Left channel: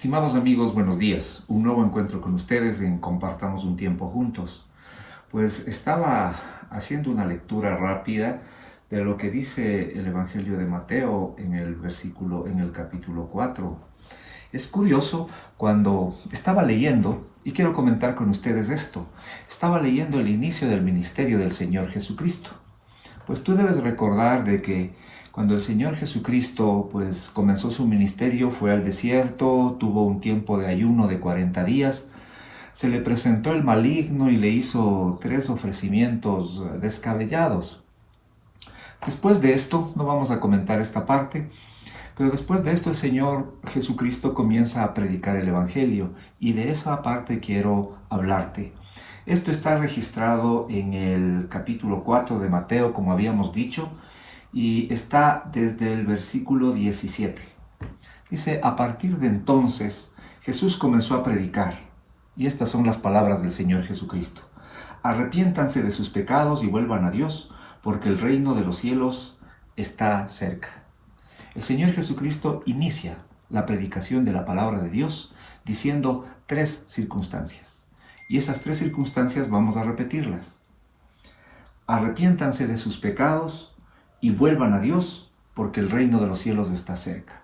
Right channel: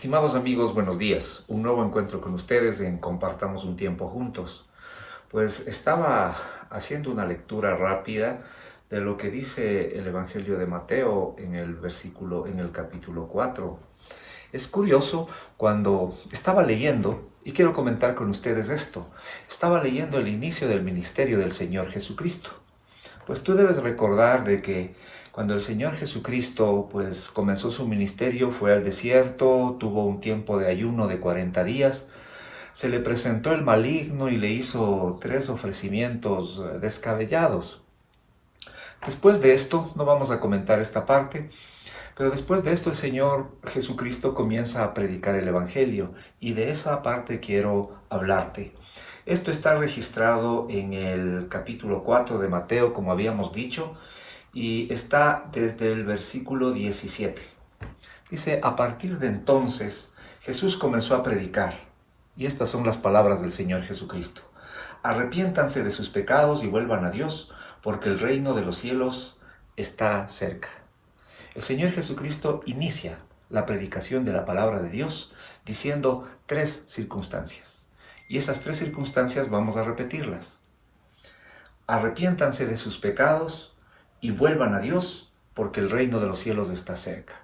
Estimados amigos, buenos días. Un nuevo encuentro con ustedes en Compartamos un Tiempo Juntos. Pues estaba haciendo una lectura rápida de lo que dice el Evangelio de Mateo en el capítulo 4. Es curioso, cuando estaba leyendo, y quiero comentar con ustedes esto, estaba leyendo el inicio del ministerio del Señor Jesucristo. Pues tú debes recordar de que cuando el Señor Jesucristo pues comenzó su ministerio, fue al desierto, tuvo un tiempo de ayuno de 40 días, se le presentó el maligno y le hizo 3 ofrecimientos descabellados. Después de esto, no vamos a comentar esta parte, pero después de esto el Señor Jesucristo comienza a predicar el Evangelio, y de esa parte quiero hablarte. Esto está registrado en el capítulo 4 de Mateo, como habíamos dicho, y está desde el versículo 17. Dice: a partir de entonces Jesús comenzó a predicar, y estas son las palabras del Señor Jesucristo: arrepiéntanse de sus pecados y vuelvan a Dios, porque el reino de los cielos está cerca. El Señor Jesucristo inicia la predicación de la palabra de Dios diciendo 3 circunstancias, y esas 3 circunstancias vamos a repetirlas. Arrepiéntanse de sus pecados y vuelvan a Dios, porque el reino de los cielos está cerca.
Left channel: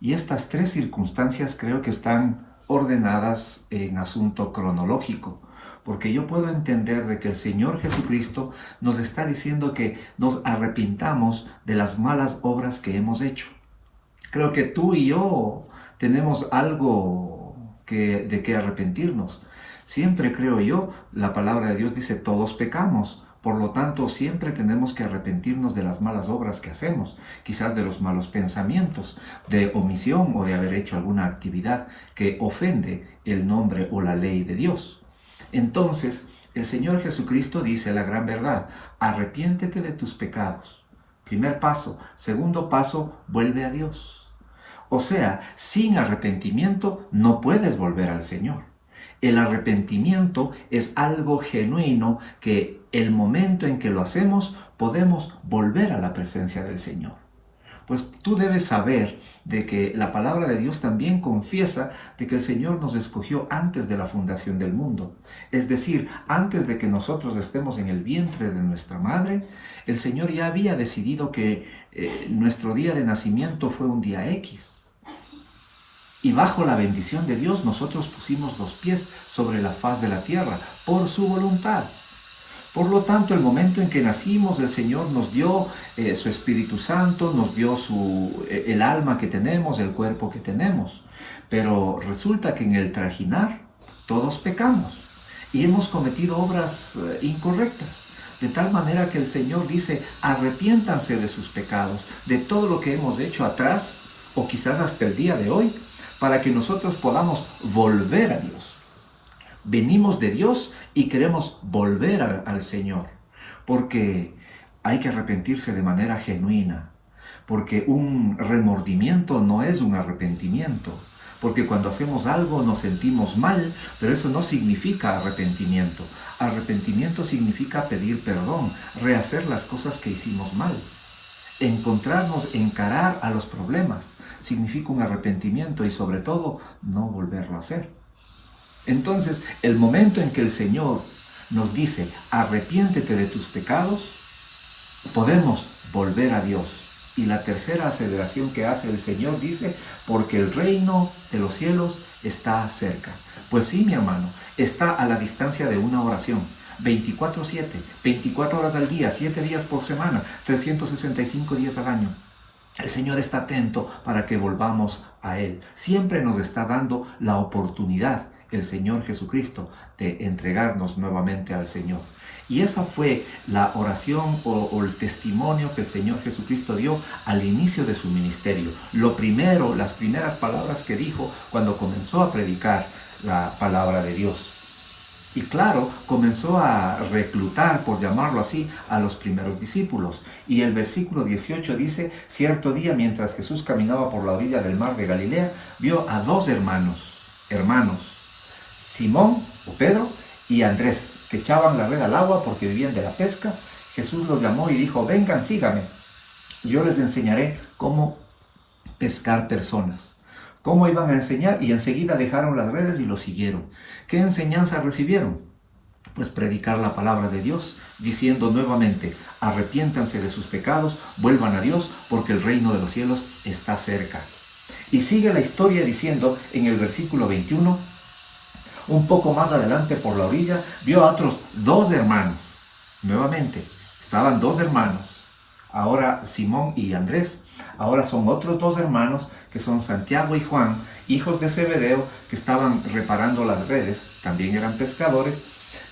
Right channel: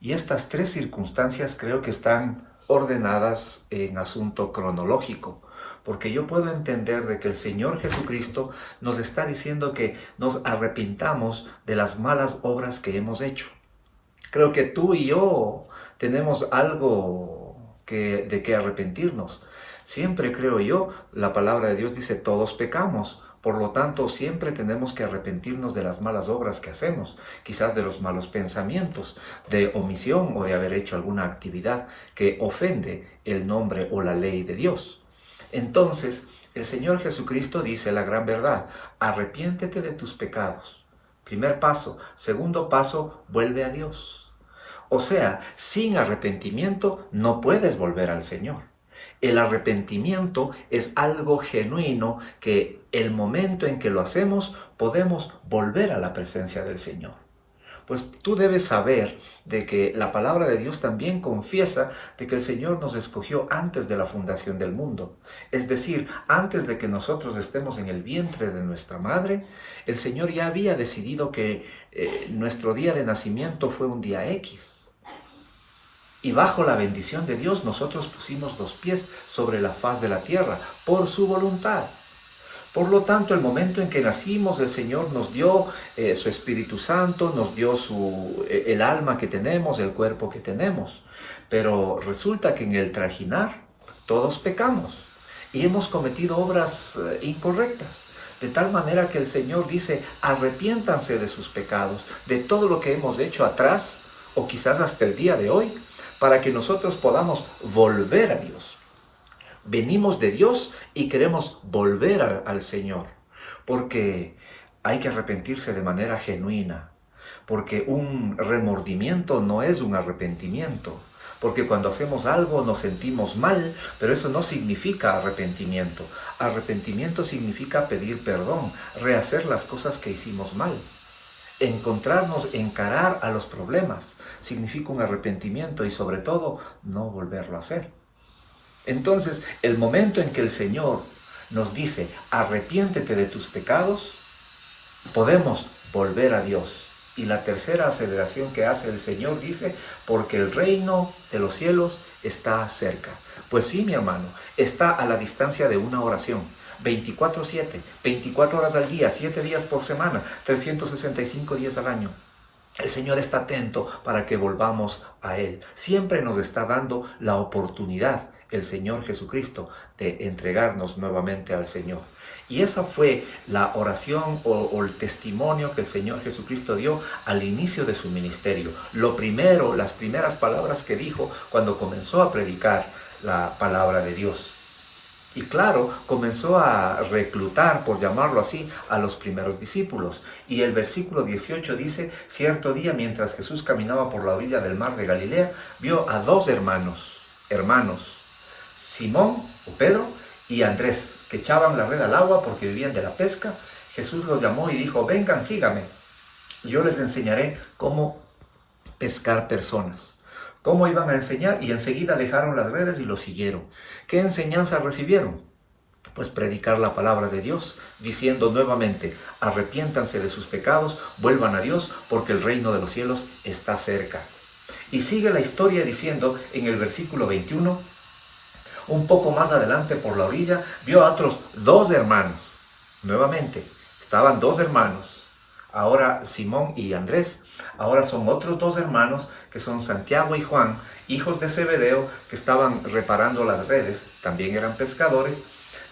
Y estas 3 circunstancias creo que están ordenadas en asunto cronológico, porque yo puedo entender de que el Señor Jesucristo nos está diciendo que nos arrepintamos de las malas obras que hemos hecho. Creo que tú y yo tenemos algo de que arrepentirnos. Siempre, creo yo, la palabra de Dios dice: todos pecamos. Por lo tanto, siempre tenemos que arrepentirnos de las malas obras que hacemos, quizás de los malos pensamientos, de omisión o de haber hecho alguna actividad que ofende el nombre o la ley de Dios. Entonces, el Señor Jesucristo dice la gran verdad: arrepiéntete de tus pecados. Primer paso. Segundo paso, vuelve a Dios. O sea, sin arrepentimiento no puedes volver al Señor. El arrepentimiento es algo genuino que el momento en que lo hacemos podemos volver a la presencia del Señor. Pues tú debes saber de que la palabra de Dios también confiesa de que el Señor nos escogió antes de la fundación del mundo. Es decir, antes de que nosotros estemos en el vientre de nuestra madre, el Señor ya había decidido que nuestro día de nacimiento fue un día X. Y bajo la bendición de Dios nosotros pusimos los pies sobre la faz de la tierra por su voluntad. Por lo tanto, el momento en que nacimos, el Señor nos dio su Espíritu Santo, nos dio el alma que tenemos, el cuerpo que tenemos. Pero resulta que en el trajinar todos pecamos y hemos cometido obras incorrectas. De tal manera que el Señor dice: arrepiéntanse de sus pecados, de todo lo que hemos hecho atrás o quizás hasta el día de hoy, para que nosotros podamos volver a Dios. Venimos de Dios y queremos volver al Señor, porque hay que arrepentirse de manera genuina, porque un remordimiento no es un arrepentimiento, porque cuando hacemos algo nos sentimos mal, pero eso no significa arrepentimiento. Arrepentimiento significa pedir perdón, rehacer las cosas que hicimos mal. Encarar a los problemas significa un arrepentimiento, y sobre todo no volverlo a hacer. Entonces, el momento en que el Señor nos dice: arrepiéntete de tus pecados, podemos volver a Dios. Y la tercera aseveración que hace el Señor dice: porque el reino de los cielos está cerca. Pues sí, mi hermano, está a la distancia de una oración. 24/7, 24 horas al día, 7 días por semana, 365 días al año. El Señor está atento para que volvamos a Él. Siempre nos está dando la oportunidad, el Señor Jesucristo, de entregarnos nuevamente al Señor. Y esa fue la oración o el testimonio que el Señor Jesucristo dio al inicio de su ministerio. Las primeras palabras que dijo cuando comenzó a predicar la palabra de Dios. Y claro, comenzó a reclutar, por llamarlo así, a los primeros discípulos. Y el versículo 18 dice: cierto día, mientras Jesús caminaba por la orilla del mar de Galilea, vio a 2 hermanos, Simón o Pedro y Andrés, que echaban la red al agua porque vivían de la pesca. Jesús los llamó y dijo: vengan, síganme. Yo les enseñaré cómo pescar personas. ¿Cómo iban a enseñar? Y enseguida dejaron las redes y lo siguieron. ¿Qué enseñanza recibieron? Pues predicar la palabra de Dios, diciendo nuevamente, arrepiéntanse de sus pecados, vuelvan a Dios, porque el reino de los cielos está cerca. Y sigue la historia diciendo en el versículo 21, un poco más adelante por la orilla, vio a otros 2 hermanos. Nuevamente, estaban 2 hermanos, ahora Simón y Andrés. Ahora son otros 2 hermanos, que son Santiago y Juan, hijos de Zebedeo, que estaban reparando las redes, también eran pescadores.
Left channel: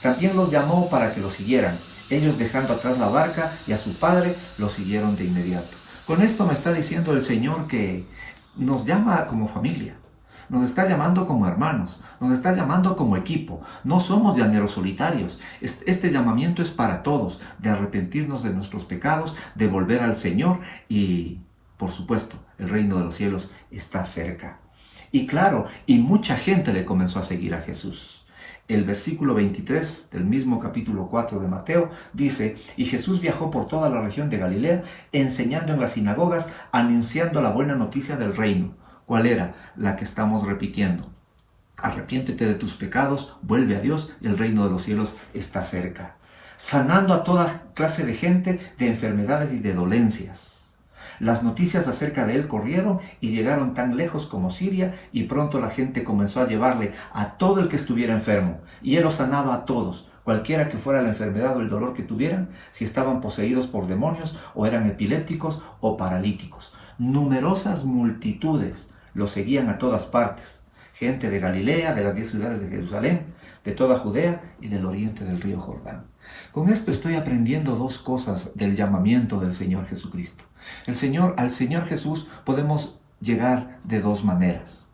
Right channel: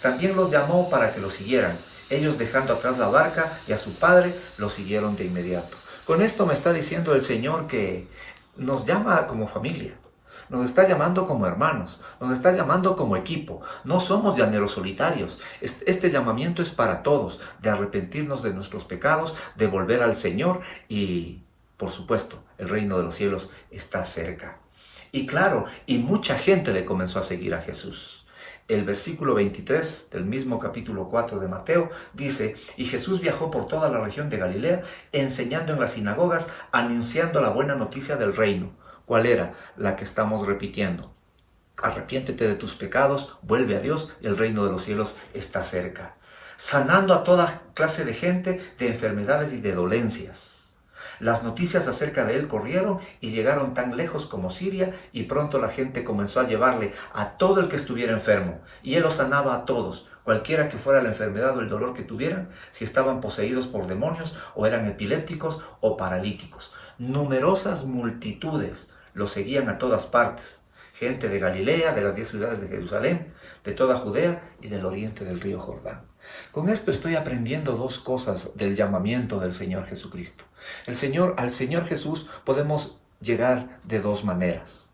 También los llamó para que lo siguieran. Ellos, dejando atrás la barca y a su padre, lo siguieron de inmediato. Con esto me está diciendo el Señor que nos llama como familia. Nos está llamando como hermanos, nos está llamando como equipo. No somos llaneros solitarios. Este llamamiento es para todos, de arrepentirnos de nuestros pecados, de volver al Señor y, por supuesto, el reino de los cielos está cerca. Y claro, y mucha gente le comenzó a seguir a Jesús. El versículo 23 del mismo capítulo 4 de Mateo dice, y Jesús viajó por toda la región de Galilea, enseñando en las sinagogas, anunciando la buena noticia del reino. ¿Cuál era? La que estamos repitiendo. Arrepiéntete de tus pecados, vuelve a Dios, y el reino de los cielos está cerca. Sanando a toda clase de gente, de enfermedades y de dolencias. Las noticias acerca de él corrieron y llegaron tan lejos como Siria, y pronto la gente comenzó a llevarle a todo el que estuviera enfermo, y él los sanaba a todos, cualquiera que fuera la enfermedad o el dolor que tuvieran, si estaban poseídos por demonios, o eran epilépticos o paralíticos. Numerosas multitudes lo seguían a todas partes, gente de Galilea, de las 10 ciudades de Jerusalén, de toda Judea y del oriente del río Jordán. Con esto estoy aprendiendo 2 cosas del llamamiento del Señor Jesucristo. Al Señor Jesús podemos llegar de 2 maneras.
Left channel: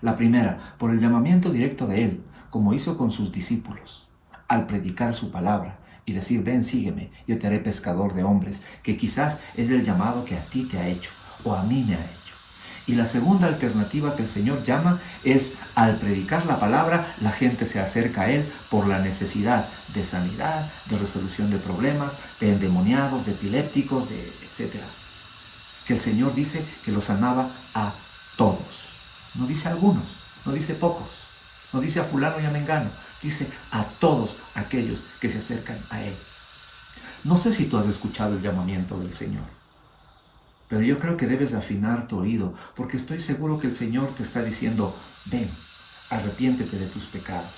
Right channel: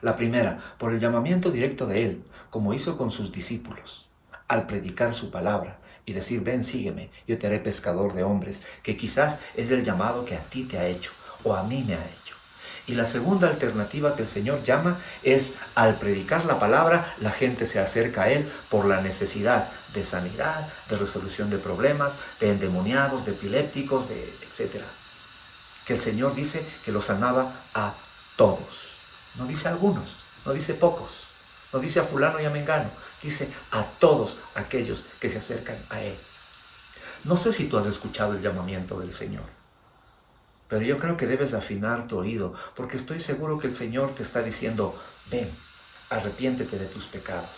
La primera, por el llamamiento directo de Él, como hizo con sus discípulos, al predicar su palabra y decir, ven, sígueme, yo te haré pescador de hombres, que quizás es el llamado que a ti te ha hecho o a mí me ha hecho. Y la segunda alternativa que el Señor llama es, al predicar la palabra, la gente se acerca a Él por la necesidad de sanidad, de resolución de problemas, de endemoniados, de epilépticos, etc. Que el Señor dice que los sanaba a todos. No dice a algunos, no dice pocos, no dice a fulano y a mengano, dice a todos aquellos que se acercan a Él. No sé si tú has escuchado el llamamiento del Señor, pero yo creo que debes afinar tu oído, porque estoy seguro que el Señor te está diciendo, ven, arrepiéntete de tus pecados,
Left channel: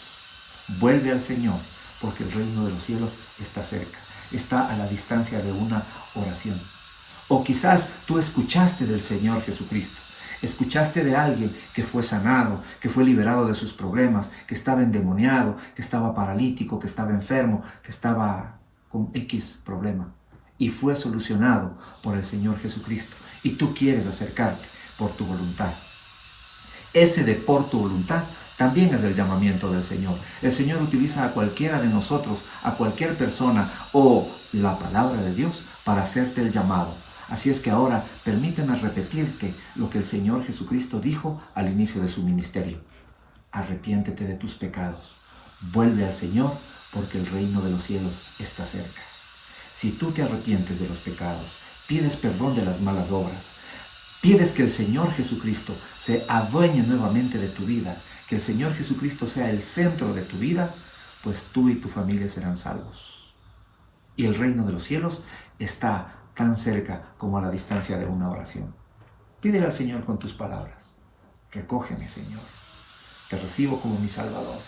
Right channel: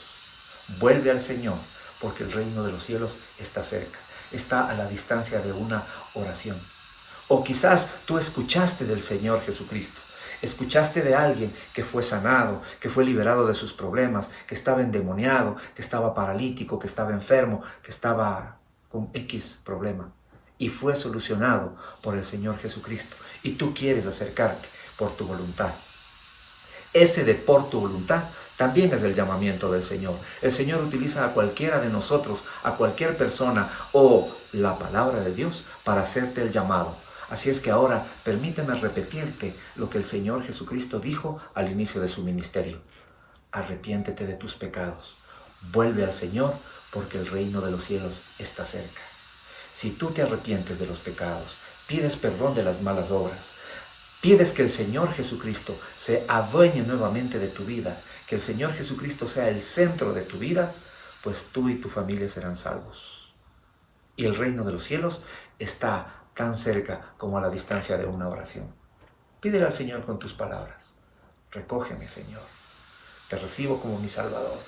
vuelve al Señor, porque el reino de los cielos está cerca, está a la distancia de una oración. O quizás tú escuchaste del Señor Jesucristo, escuchaste de alguien que fue sanado, que fue liberado de sus problemas, que estaba endemoniado, que estaba paralítico, que estaba enfermo, que estaba con X problema, y fue solucionado por el Señor Jesucristo, y tú quieres acercarte por tu voluntad. Ese de por tu voluntad también es el llamamiento del Señor. El Señor utiliza a cualquiera de nosotros, a cualquier persona o la palabra de Dios para hacerte el llamado. Así es que ahora permíteme repetirte lo que el Señor Jesucristo dijo al inicio de su ministerio. Arrepiéntete de tus pecados, vuelve al Señor, porque el reino de los cielos está cerca. Si tú te arrepientes de los pecados, pides perdón de las malas obras, pides que el Señor Jesucristo se adueñe nuevamente de tu vida, que el Señor Jesucristo sea el centro de tu vida, pues tú y tu familia serán salvos. Y el reino de los cielos está tan cerca como a la distancia de una oración. Pídele al Señor con tus palabras. Recógeme, Señor. Te recibo como mi Salvador.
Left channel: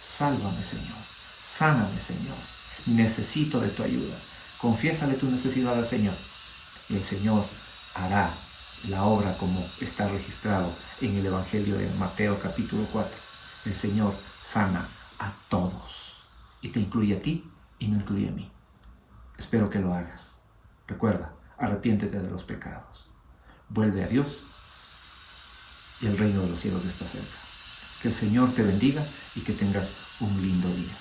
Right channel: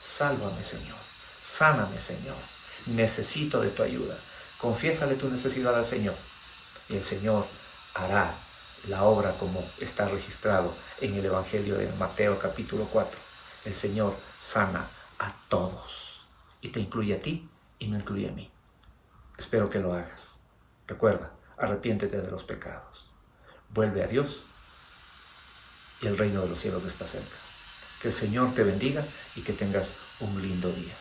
Sálvame, Señor. Sáname, Señor. Necesito de tu ayuda. Confiésale tu necesidad al Señor. Y el Señor hará la obra como está registrado en el Evangelio de Mateo capítulo 4. El Señor sana a todos. Y te incluye a ti y me incluye a mí. Espero que lo hagas. Recuerda, arrepiéntete de los pecados. Vuelve a Dios y el reino de los cielos está cerca. Que el Señor te bendiga y que tengas un lindo día.